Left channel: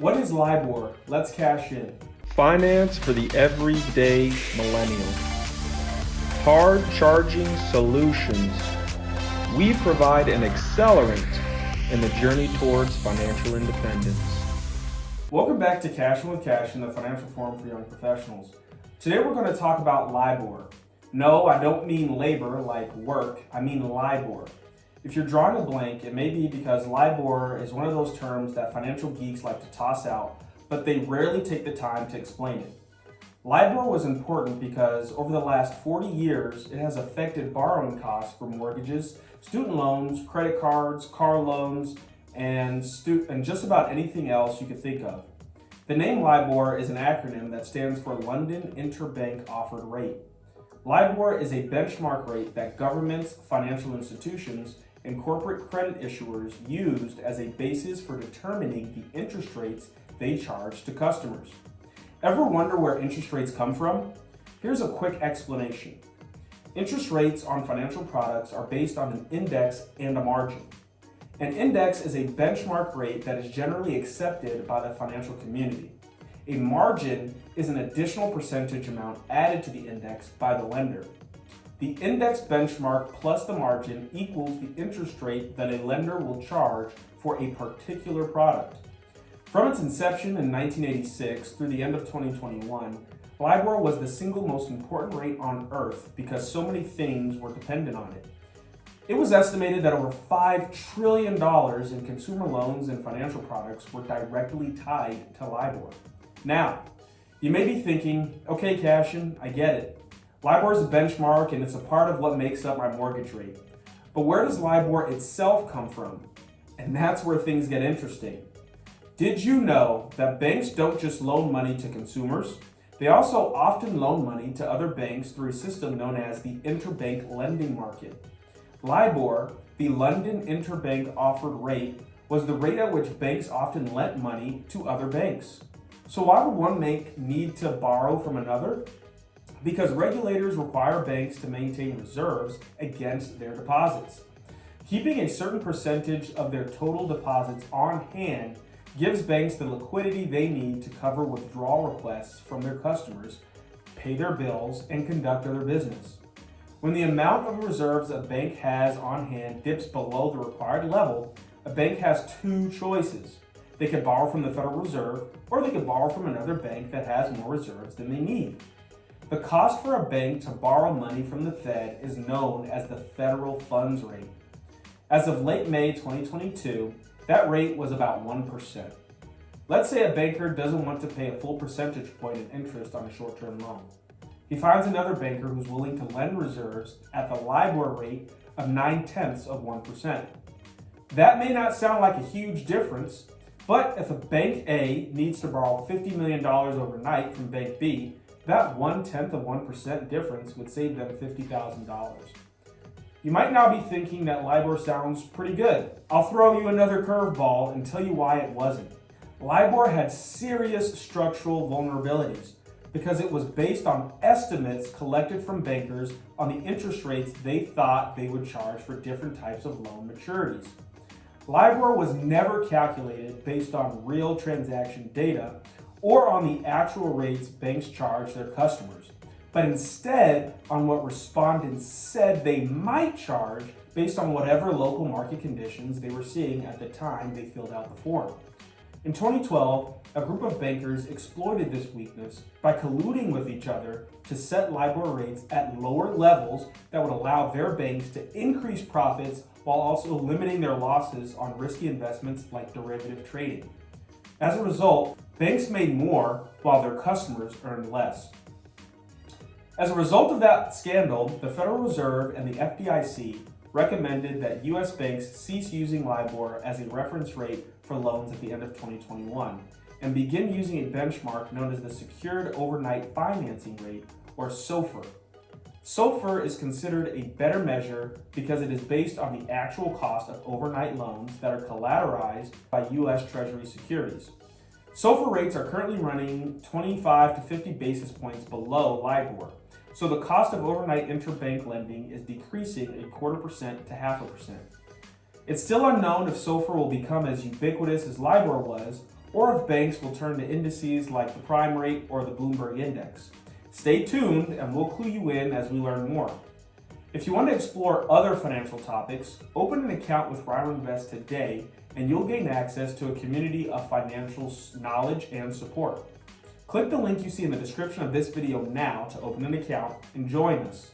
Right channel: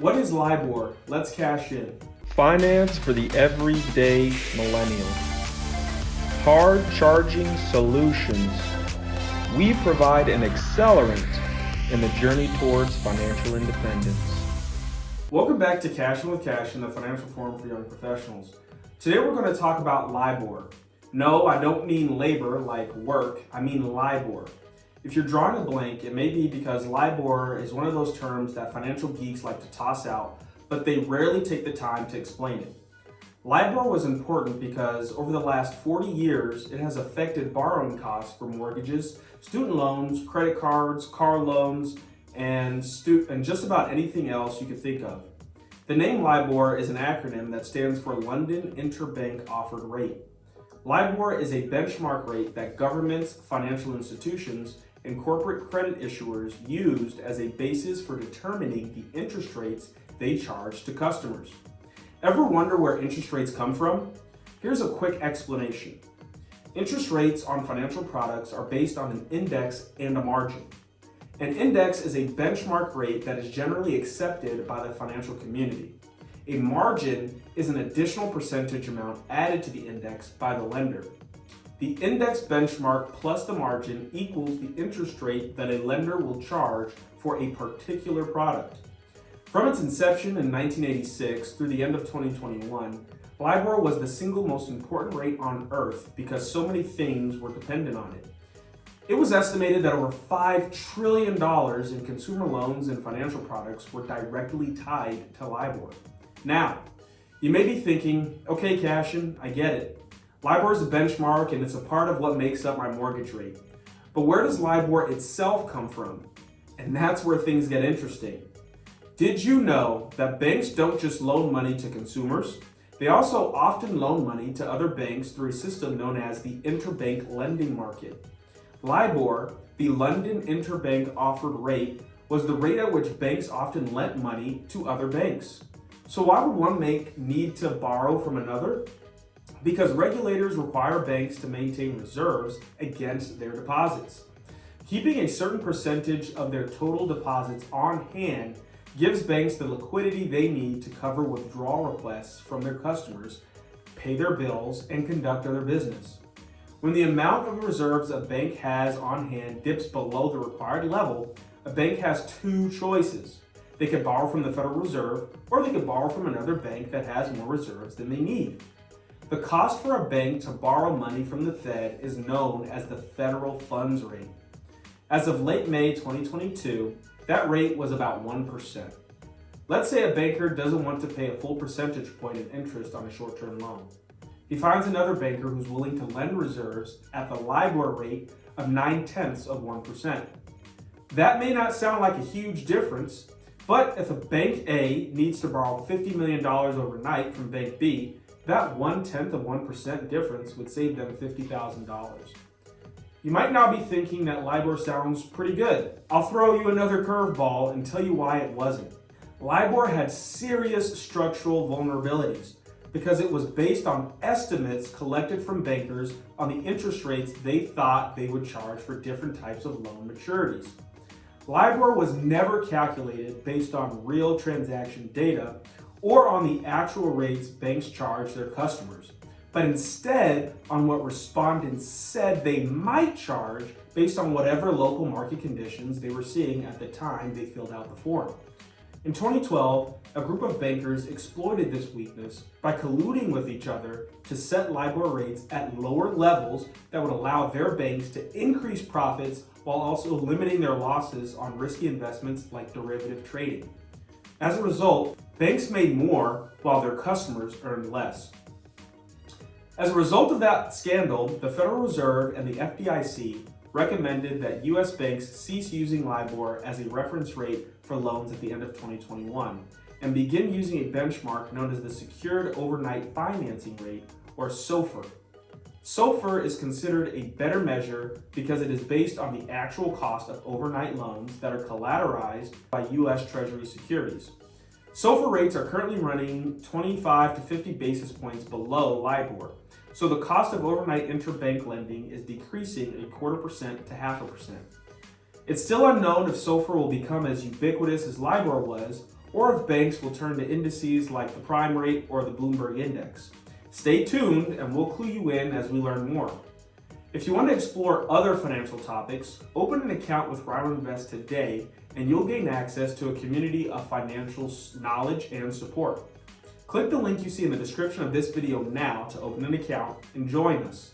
What is LIBOR? Let's cash in. Finance for the everyday millennial. Hard charging solutions. We provide an accelerant in the journey towards financial independence. Welcome back to Cassian with Cassian, the financial forum for young professionals. Today we're going to talk about LIBOR. No, I don't mean labor like work, I mean LIBOR. If you're drawing a blank, it may be because LIBOR is one of those terms that financial geeks like to toss out, but they rarely take the time to explain it. LIBOR was important because over the last 40 years, it has affected borrowing costs for mortgages, student loans, credit cards, car loans, and just about anything else you could think of. The name LIBOR is an acronym that stands for London Interbank Offered Rate. LIBOR is a benchmark rate that governments, financial institutions, and corporate credit issuers used as a basis for determining the interest rates they charge to customers. Ever wonder where interest rates come from? Here's a quick explanation. Interest rates on financial products are based on an index and a margin. An index is a benchmark rate that is generally accepted by the financial community. A margin is an additional percentage amount added to the index by the lender. The index benchmark plus the margin equals the interest rate that a lender will charge for a particular product. From its inception in 1986 through the end of 2021, LIBOR was the single most important rate on earth because so many things were dependent on it. It was estimated that over $5 trillion in consumer loans and financial products were directly tied to LIBOR. Now, you may be thinking, okay, Cassian, I get it. LIBOR is a benchmark and it's a part of what makes up my mortgage rate. But where does LIBOR itself come from? And that's where things get interesting. Did you know that banks don't just loan money to consumers? They also often loan money to other banks through a system known as the interbank lending market. LIBOR, the London Interbank Offered Rate, was the rate at which banks often lent money to other banks. So why would one bank need to borrow from another? Because regulators require banks to maintain reserves against their deposits. Keeping a certain percentage of their total deposits on hand gives banks the liquidity they need to cover withdrawal requests from their customers, pay their bills, and conduct other business. When the amount of reserves a bank has on hand dips below the required level, a bank has two choices. They could borrow from the Federal Reserve, or they could borrow from another bank that has more reserves than they need. The cost for a bank to borrow money from the Fed is known as the federal funds rate. As of late May 2022, that rate was about 1%. Let's say a banker doesn't want to pay a full percentage point of interest on a short-term loan. He finds another banker who's willing to lend reserves at the LIBOR rate of 0.9%. That may not sound like a huge difference, but if a Bank A needs to borrow $50 million overnight from Bank B, that 0.1% difference would save them $50,000. You might now be thinking that LIBOR sounds pretty good. I'll throw you another curveball and tell you why it wasn't. LIBOR had serious structural vulnerabilities because it was based on estimates collected from bankers on the interest rates they thought they would charge for different types of loan maturities. LIBOR was never calculated based on real transaction data or on the actual rates banks charge their customers, but instead on what respondents said they might charge based on whatever local market conditions they were seeing at the time they filled out the form. In 2012, a group of bankers exploited this weakness by colluding with each other to set LIBOR rates at lower levels that would allow their banks to increase profits while also limiting their losses on risky investments like derivative trading. As a result, banks made more while their customers earned less. As a result of that scandal, the Federal Reserve and the FDIC recommended that U.S. banks cease using LIBOR as a reference rate for loans at the end of 2021 and begin using a benchmark known as the Secured Overnight Financing Rate, or SOFR. SOFR is considered a better measure because it is based on the actual cost of overnight loans that are collateralized by U.S. Treasury securities. SOFR rates are currently running 25 to 50 basis points below LIBOR, so the cost of overnight interbank lending is decreasing 0.25% to 0.5%. It's still unknown if SOFR will become as ubiquitous as LIBOR was, or if banks will turn to indices like the prime rate or the Bloomberg index. Stay tuned and we'll clue you in as we learn more. If you want to explore other financial topics, open an account with RINO Invest today and you'll gain access to a community of financial knowledge and support. Click the link you see in the description of this video now to open an account and join us.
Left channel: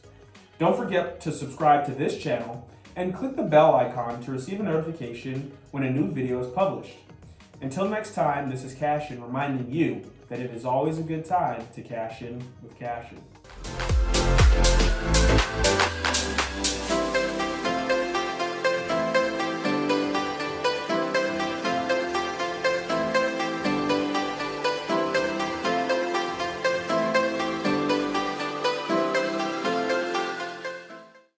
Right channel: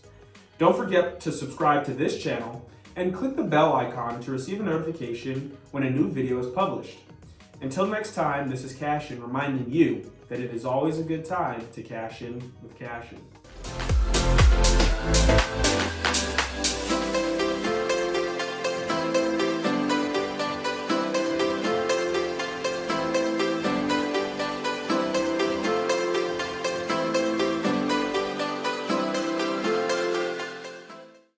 Don't forget to subscribe to this channel and click the bell icon to receive a notification when a new video is published. Until next time, this is Cassian reminding you that it is always a good time to cash in with Cassian.